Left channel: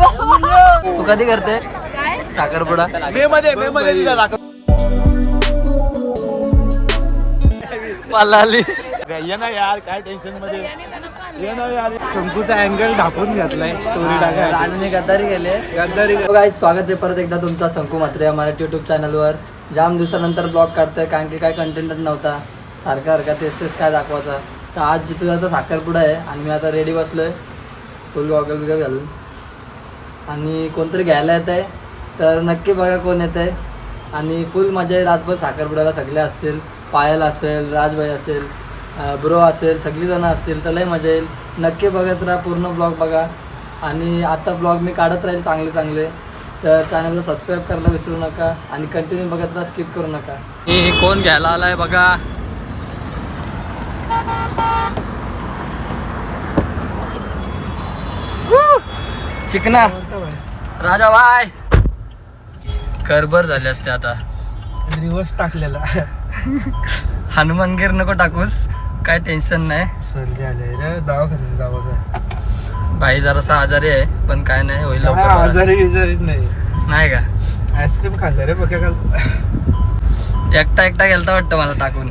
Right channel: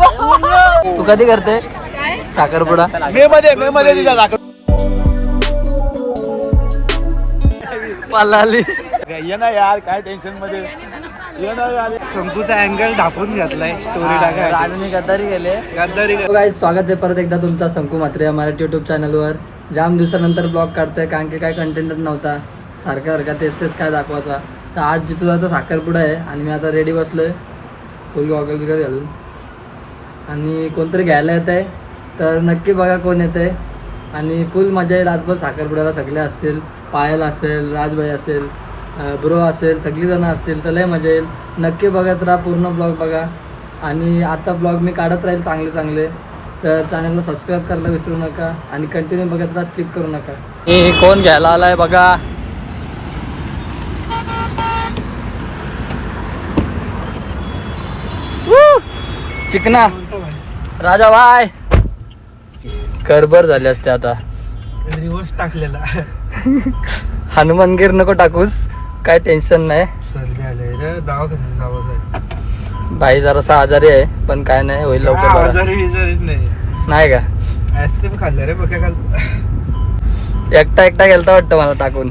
तू कधी करते काय? साखरपुडा? मे मध्ये मे मध्ये आली ये ना यार काय टेन्शनमध्ये? ये ना यार. शंकूचा अँगल ढापून घेतलाय स्टोरी टाकाय राजूने गद्दारी गेले गद्दारी काय स्वागत आहे परत एकदा तुमचा शंकू मात्रे या मराठी युट्यूब चॅनलवर जाम दिवसानंतर ब्लॉग काढतोय कारण की काय कंटेंटच नव्हता. सारखा सारखा तेच तेच काय दाखवायचा. तर आज जिथं जातं साखरपुडा आहे. आणि मी आता रेडी बसलोय. फुल गॉगल बिगल घालून. आणि कोणतरी घ्यायला येत आहे तर नक्की बघा कोण येत आहे आणि फुल मजा येईल. आजभर साखरपुड्याला सगळे असतील पायल असेल राजभाई असेल ब्रो असेल सगळीजणं असतील तर लय मजा येईल. नक्की बघत राहा पूर्ण ब्लॉग बघा. आणि आता ब्लॉग मी काढत राहील चांगले चांगले तर चॅनलला सबस्क्राईब करायला विसरू नका आणि कंटिन्यू बघत राहा स्किप करू नका. हे कोण घ्यायला आलाय बघा. चिकना. राजा बाय करबर झाले असते आता. रिवर्स टाकलेला. हनुमानगीर नको टाकूस. काय टेन्शन नाही. सर्दी आले रे. दवाखान्यात जावं भाई जरासा आजारी आहे पण काय नाही होईल लवकर बरा. आजारी बिजारीच नाही. नाही का? आईस्क्रीम खाल्लं रे बघा काल. एकटा एकटा गेलता वाटतं मला टाकून.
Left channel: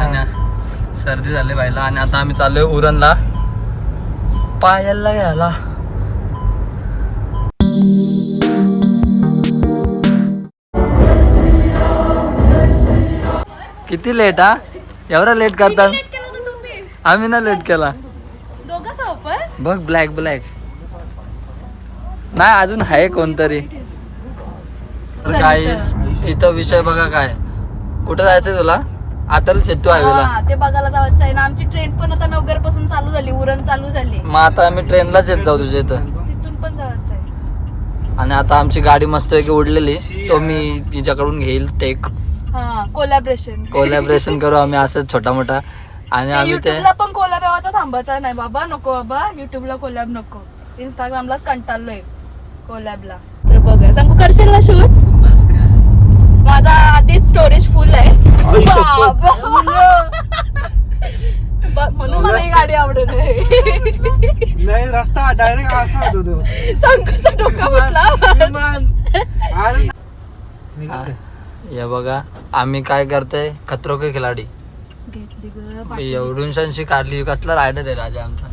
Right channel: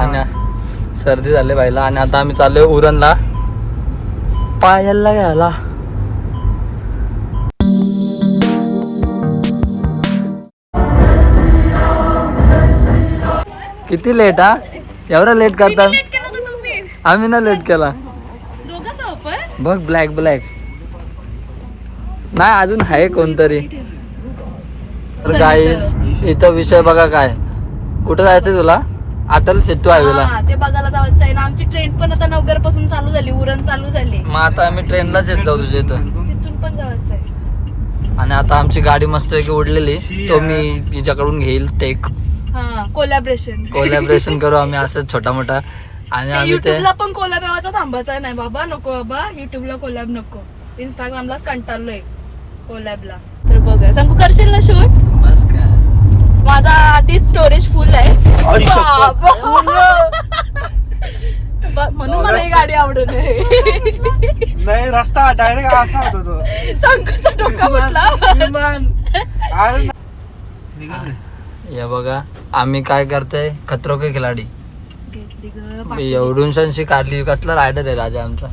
आणि सर्दी झाली भाईला आणि आता आम्ही चाललोय उरणला. पायलला घ्यायला. किती लेट हा? एवढा लेट करतात तुम्ही. आम्ही ना लेट केला. बघ ब्लॅक ब्लॅक नाही अजून आहे कोणतरी. तर गाईज इथं विषय बघा काय. कुठं जायचंय तुला? अटल सेतू हायवेला ते बघायला जायचं आहे. ना आमची ट्रेन पण आता नगरपासून चालू झाली उरण चालू झाली. मग आता आम्ही ट्रेनलाच येत जाऊ तुझ्या इथं. तिथून पण जायचं आहे. आणि आता आमची गाडी मस्त की उडलेली. तो मी तिच्याकडून घेईल ते हा कोलॅबरेशन कोलॅबरेशन करू आम्ही असं छोटा मोठा आणि आम्ही ते युट्यूबला पण कोलॅब यावाचा थांबायचा नाही. बाबा नको बाबा. युट्यूबला कोलॅब नको. इंस्टाग्रामलाच कंटाळलोय कोलॅबला तर बघा सांगू करशील ना शूट बस काय माझा आधीच स्टोरेज फुल आहे. बाबा. ब- म्हणून मला ही गाडी आवडत नाही. नाही रस्ता डायरेक्ट असा होतो तो. संकूचा डोका म्हटला अरे हे बघा. आम्ही काय करतोय? खतरो के खिलाडी. एवढून शनशी काढली कसला रायडर आहे राजा आमचा.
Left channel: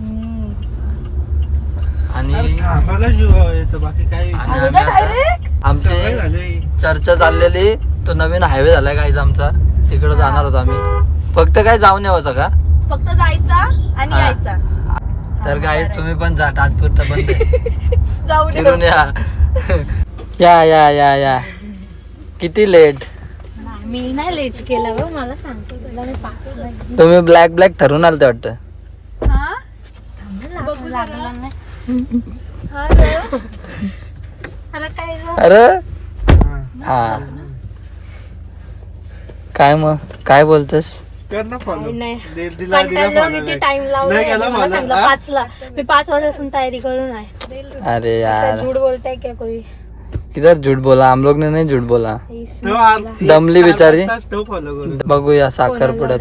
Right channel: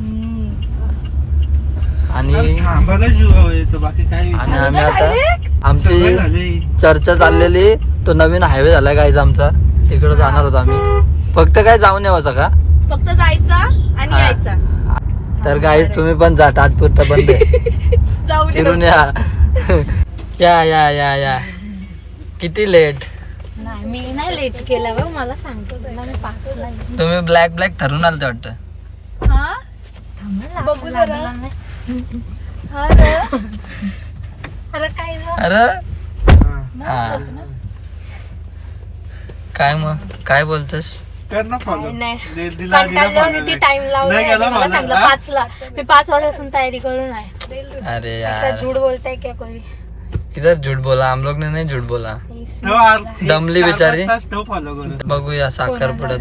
आणि थांबायला जीव येतो बाकी काय आणि आम्ही आता आमची चर्चा चाललेली. तो नवीन हायवे झालाय गाईज आमचा. तिकडे जाणार होतो आम्ही. फक्त काय जाऊन यावाचा का? फक्त जायचा आणि. यायचा. तर गाईज तुम्ही पण जा तात्पुरता ये. फिरून या. या या या या. किती लेट मी नाही लेट केलं बघ मला सांगतो मी पाचला येईन. तुम्ही ब्लॅक ब्लॅक ठरून आलते वाटतं हा? बघू जरा. हा ना? अरे काय? अरे हा काय मग काय बोलतोस कर ना follow. नाही. दे- दिला- दिला कंटाळलो follow मी ती. टाइम नाही मला. सांगितलं हा? पाचला मी पाच वाजतापासून तयारी करून आहे अरे ऐसा यार झूठ बोलताय क्या कोई किधर झूठ बोला? हम लोग ने नहीं झूठ बोला। दमली चार बिचारी. बघूया साखरपुड्यात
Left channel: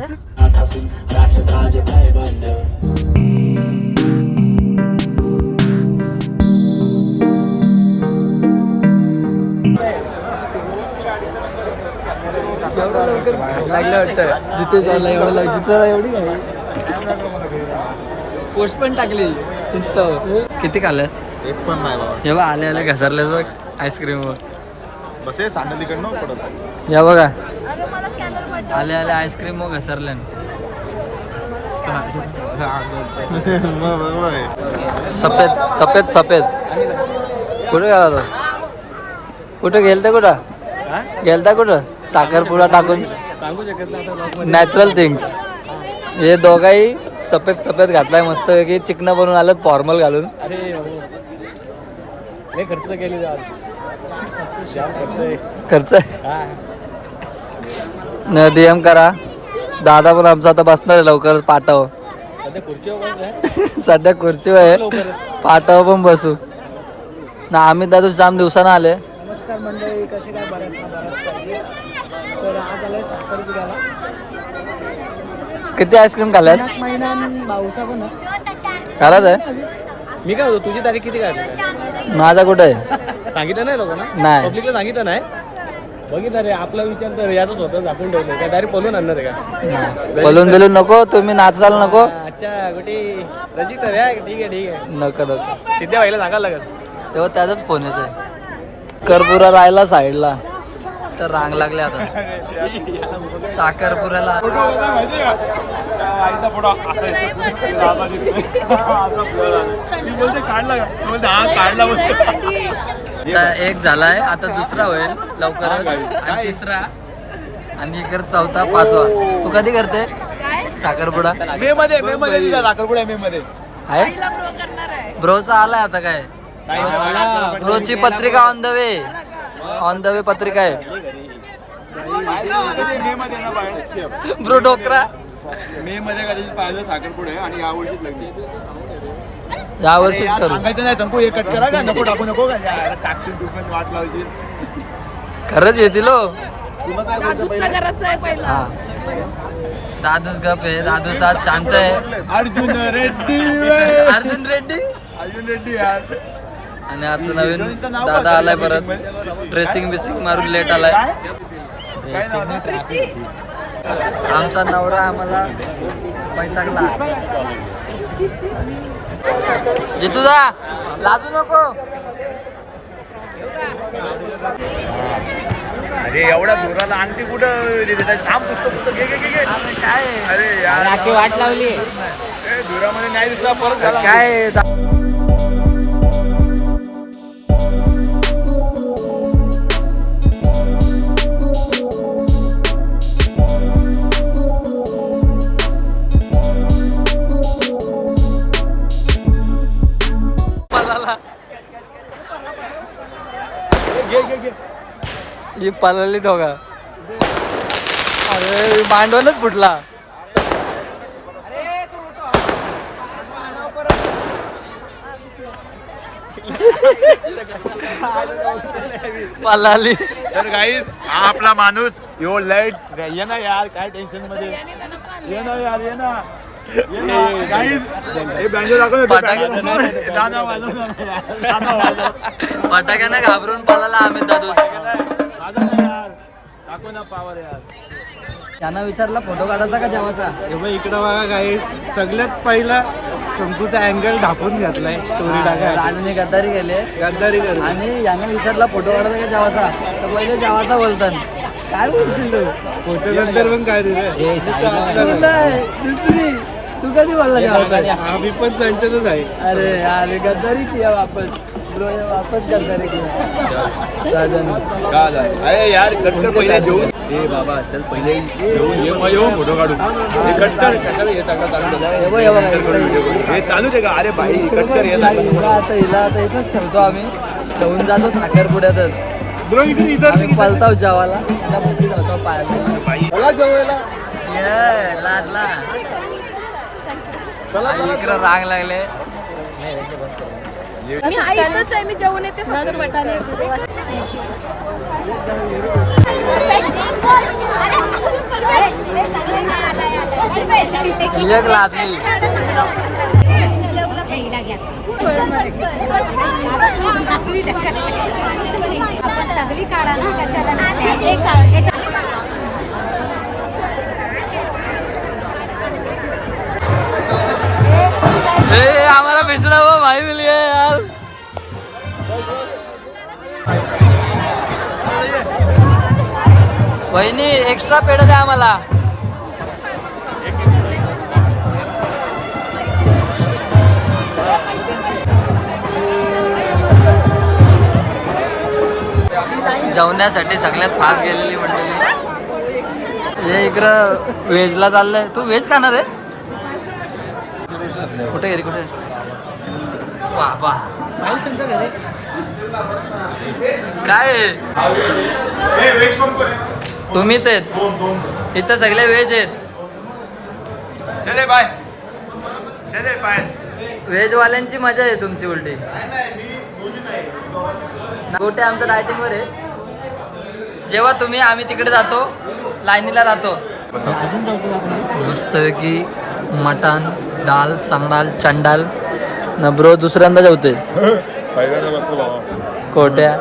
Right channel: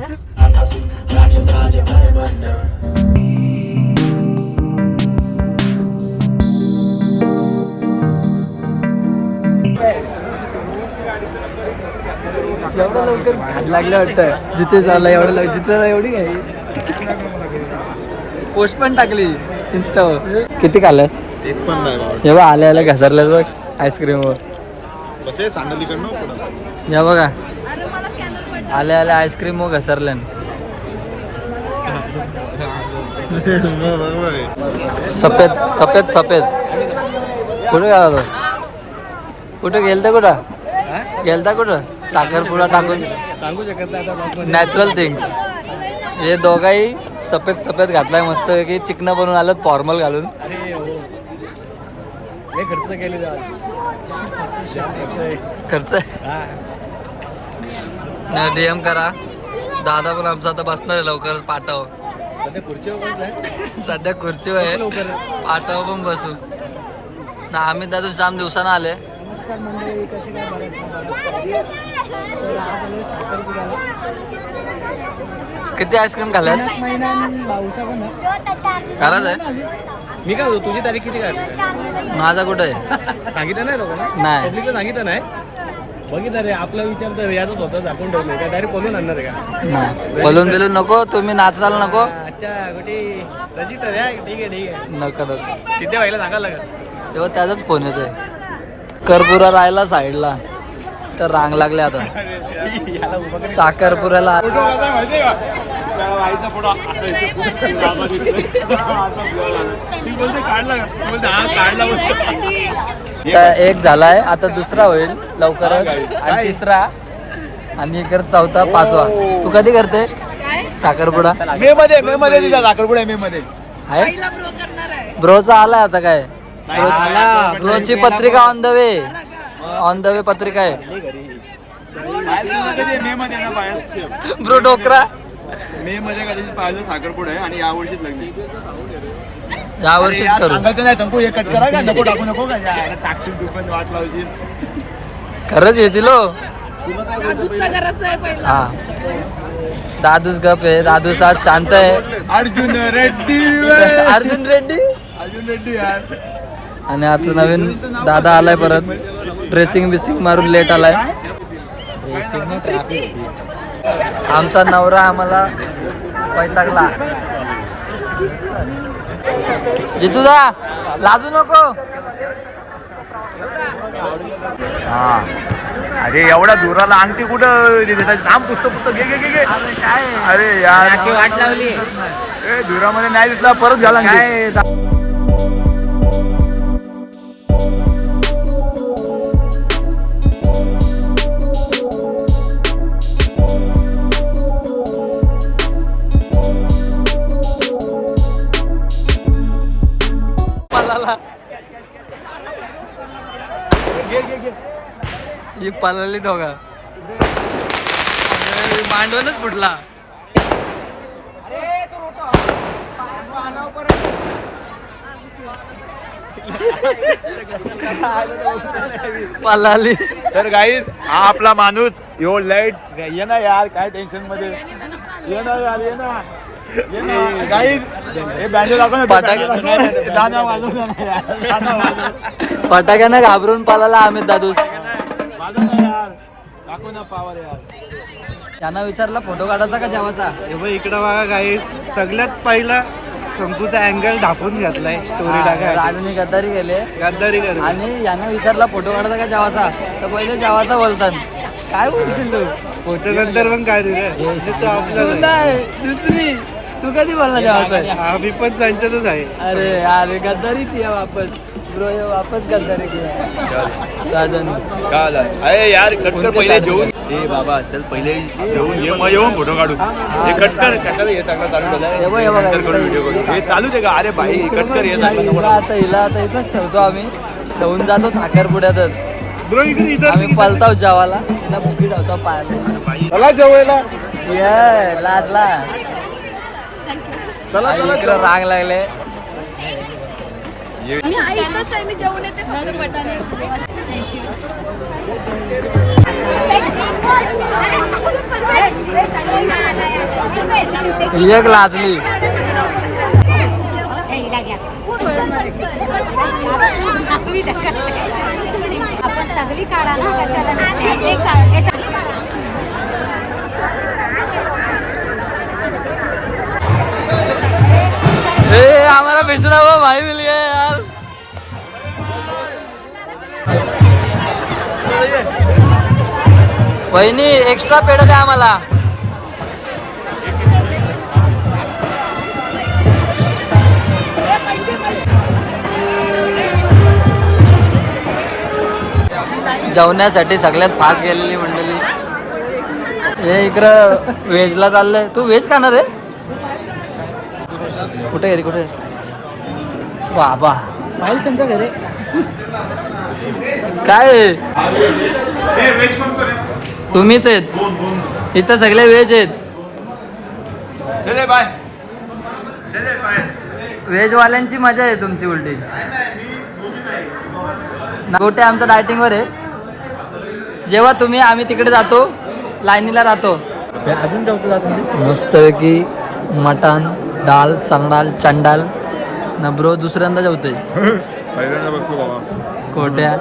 लागलं वाटतं जिथे झालं एवढं जिथे एवढी घाई. पोस्ट पण टाकली. इंस्टावर किती खाल्ल्यास? एक पण नाही. हे आल्या बघ. आईस्क्रीमवर. बस हे सांगलीकडनं पडत? या बघा. अरे मला स्कॅनर पाठव. आल्या आल्या आईस्क्रीम मग घसरल्यान. सफेद सफेद सफेद. कुठे गेला तो? कुठे गेलता कुठं? गेलता कुठं? साखरपुडा टाकून. सांगू शकत नाही नॅचरल थिंग्स हे दोघाही सफेद सफेद घातलाय मस्त की चिकन बनवून आलं फॉर्मल घालून. खर्च केले खर्च? डीएम करा. दादा पण आमचा आता बसणार आहे लवकर पाठव. सध्या खुर्ची सध्या खुर्ची आहे पाठव पण बसू. ना आम्ही दादू जाम दिवसानं आले नमस्कार मंडळी कसे काय बऱ्यात ना बऱ्याच पाहिजे तर आज आलोय साखरपुड्याला. किती आईस्क्रीम खाल्ल्यास महिना भाऊचा पण आहे. खरंच आहे? मी काय होतो तुझी तारीख किती काढली? माझा कुठं आहे? सांगितलं नाही लोकांना? नाही. पब्लिकला सांगितलं नाही? बघितलं रे आपला विचार तर याचा स्वतः झाकून ठेवलं काय डायरेक्ट बोलून आणणार का? नाही. बोलून बिलून नको तुम्ही नाचाल नको. अच्छा कुठे रजिस्टर आहे. ठीक आहे ठीक आहे. नको नको. सिद्ध्या व्हायला सांगायला लागेल. तेव्हा त्याचाच फोन येतोय. करपुरा राहिला साईडला. तर रांग लागले आता. साखरपुऱ्याला. फोटो कसा माहितीये का? त्या आईचा फोटो असा आला. ती बोलते काढला का? बोलते हा काढला बोलते. आता एक झालाय आता दुसरा होईल हा, लवकरच काय? आणि? तिसरा. आणि इकडे चौथा पाचवा. तू कधी करते? काय? साखरपुडा? मे मध्ये मे मध्ये तिचा मे मध्ये. आहे? आईला प्रो करणार आहे. ब्रोचा आलाय आता काय? नाही, ब्रोची- आला. ब्रोची पत्रिका. On the way on the way पत्रिका आहे. ब्रो डोकरा. मे मध्ये कधी पाहिलं साखरपुडा आहे आणि यावर्षीच लग्न. या वर्षीच करू. सांगायचं नाही संपू हे कट करा का नको टाकू नको का यार, टाकशील तू पण वाट लावशील. खरंच येतील हो. हा. दादूस गप आहे दादूस आज शांत आहे. अर्जुन रेड्डी. अर्जुन रेड्डी? अर्जुन रेड्डी यार. आणि आता नवीन दादा आलाय परत. ड्रेसिंग बिसिंग मारून लेट आलाय. ड्रेसिंग ट्रॅफिक आमचा नवरा आम्हाला वैतागला जितूदा लाजू नको. अरे एवढा दुराला अंगठी कुठं थांब पुस्तक पुस्तक घे घे घे घे. अरे यार. वाट लावली. धुरामध्ये नाही दिसला परत झाला. काय? ही पळाली दोघा. अरे मांडवनच फुटला पळाली. तर काही हा आपला माणूस यो लाइट ये ना यार काय टेन्शनमध्ये? ये ना यार ये ना. ये ना. हे दाखव. फटाक्यानं घाबरून पळाला अमित दादूस. वाजव ना यार. दाखव ना पावर यार. त्यांना विचारला फोटो काढायचा का जेवाचा हे इकडं बघा काही सगळ्यात पहिला शंकूचा अँगल ढापून घेतलाय. स्टोरी टाका राजूने गद्दारी केले. गद्दारी कर आणि यानं विचारला फोटो काढायचा का जेवाचा तर पहिले जेवाचा बोलतात. काय बोलशील तू? फोटो नंतर पण काय दिलं नाही दुसरी तू कधी बोलला जेवाचा आम्ही पण संचतच आहे. अरे अरे गद्दारी किया वापस. ब्रो ये वापस गद्दारी किया राजन. अरे यार कटकर पहिले जेवून. ए बाबा चल पहिले जेवून ये मग येऊन फोटो काढू हे कटकर कटकर हे सगळं चालू झालं. हे हे. हे चालू दे का अरे भाई कटकर हे हिला हिला आता हिला आता इथंच ठेवतो आम्ही. ठेवून जातो साखरपुड्यातच. ब्रो इकडे इथं पलताव जेवाला जातो पायाला. जेवायला. ये लाजला. इकडं राग लागले. मी जेवण येते फक्त. वाटायला एक लाजली. आपण सगळी काढा ना कशाला? ए हमारा बिछड़ा हुआ भाई मिल गया यार. वहिनी एक्स्ट्रा पेड द्या आम्हाला. जेवण्यासाठी सगळ्यात फास्ट गेलेली मंडळी. हे इकडं व्हेजला चाललंय. तू व्हेज खाणार आहे? कुठे गेली कुठे बाबा काय? तुम्हीच आहेत. इथं सगळे व्हेज आहेत. चले बाय व्हेज वाल्यांची मजा आहे तुमची उलटी. गोटे आमचं डायटिंगवर आहे. जेव्हा तुम्ही आम्ही तिकडे जातो लाईनीला राहतो. अजून जेवतो जातो मस्तपैकी मटण डाल सांगडाल चंडाल. ना ब्रो दुसऱ्यांदा बाबा. कोट्या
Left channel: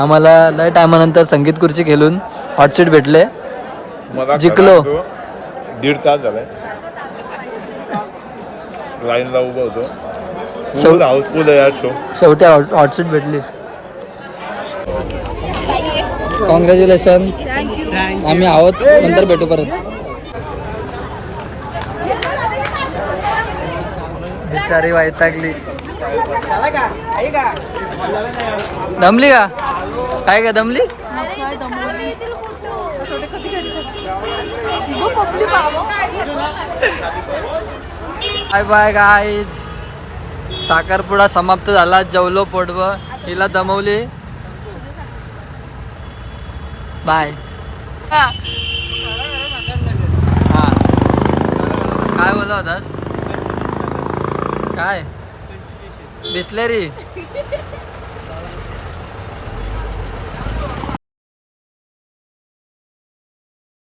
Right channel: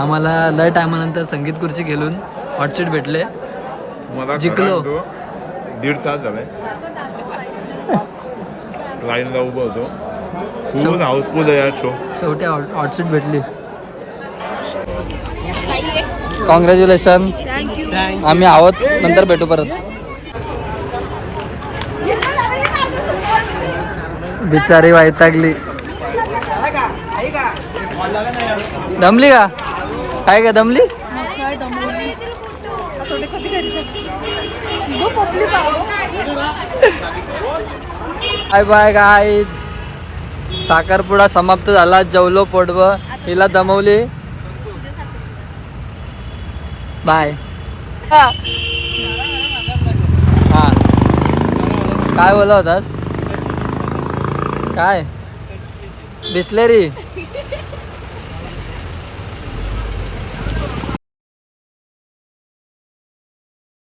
आम्हाला लय टायमानंतर संगीत खुर्ची खेळून हॉटशीट भेटले. जिंकलो. दीड तास झालाय लाईनला उभं होतो. शो शेवटी हॉट हॉटशीट भेटली. कॉंग्रॅच्युलेशन आम्ही आहोत नंतर भेटू परत. बिचारी वैतागली. दमली का? काय का दमली? बाय बाय गाईज साखरपुडा समाप्त झाला जेवलो पोटव हिला दमवली. बाय. हा. काय बोला होतास? काय? बिस्लेरी?